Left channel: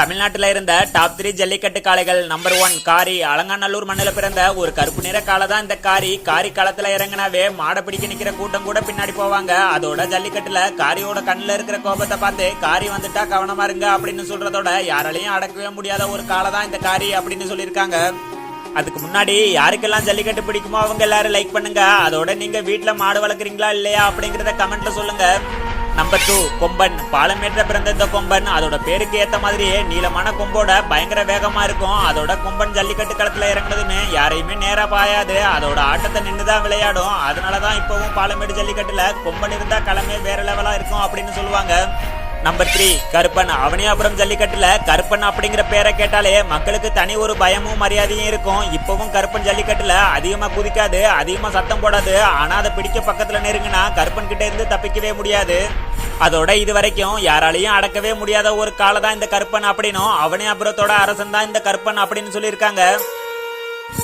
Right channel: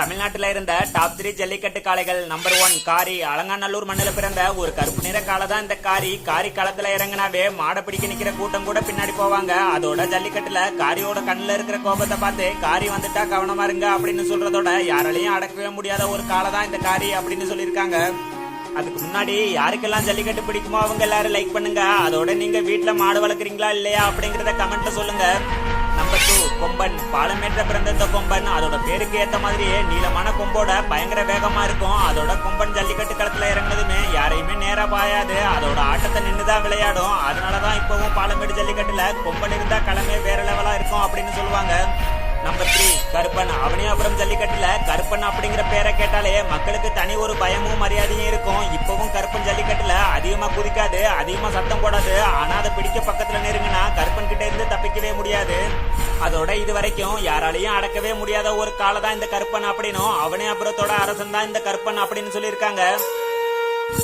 தமிழ்நாட்டில இருந்த டாப் 3 ஜல்லிக்கட்டு காளைகள். நம்பர் 1 காரி. அலங்காநல்லூர் மண்ணில பிறந்த ஒரு கருப்பு நிற காளை தான் இந்த காரி. காரி களத்துல இறங்கினாவே மாட பிடிக்க நிக்கிற கூட்டம் கூட பின்னாடி போவாங்க. அதோட ஜல்லிக்கட்டுல காரியோட கண்ணுல இருக்கிற கோபத்தை பார்த்து காரி வந்துட்டா கவனமா இருங்க அப்படின்னு சொல்றதோட யாராலையும் அடக்கவே முடியாத ஒரு காளை தான் இந்த காரி அப்படின்னு சொல்லியிருக்காங்க. அதுக்கு முன்னாடி யாருக்கெல்லாம் ஜல்லிக்கட்டு பிடிக்குமோ அவங்க எல்லாரும் லைக் பண்ணுங்க. அதோட நீங்க வீட்டுல மாடு வளர்க்குறீங்களா இல்லையா அப்படிங்கறத கமெண்ட்ல சொல்லுங்க. நம்பர் 2 கொம்பன். பாலமேட்ல பிறந்த இந்த கொம்பன் அதோட பேருக்கு ஏத்த மாதிரியே நீளமான கொம்போட பயங்கர வேகமா இருக்கும். அதோட கொம்பன் ஜல்லிக்கட்டு களத்துல இறங்குனதுமே யாரையுமே நேரா பாயாது. அதோட ஆட்டத்தை நின்றுதான் விளையாடும். அதனாலதான் இப்பவும் பாலமேடு ஜல்லிக்கட்டுல கொம்பன் இருந்தா களமே வேற லெவலா இருக்கும் அப்படின்னு சொல்லுவாங்க. நம்பர் 3 கருப்பன். அவனியாபுரம் ஜல்லிக்கட்டுல கருப்பன் அப்படிங்கிற பேரை கேட்டாலே மக்களுக்கு தனி ஒரு பயமும் மரியாதையும் இருக்கும். இப்பவும் கருப்பன் ஜல்லிக்கட்டுல அதிகமா குதிக்காது, அதிகமா சத்தம் போடாது. ஆனா அதை பிடிக்க பக்கத்துல நெருங்கினா கருப்பன் கிட்ட இருந்து தப்பிக்கவே முடியாது. அதோட இது வரைக்கும் யாராலையும் அடக்கவே முடியாத ஒரு காலை தான் இந்த கருப்பன் அப்படின்னும் அவனியாபுரத்தோட அரசன் தான் இந்த கருப்பன் அப்படின்னு சொல்லியிருக்காங்க.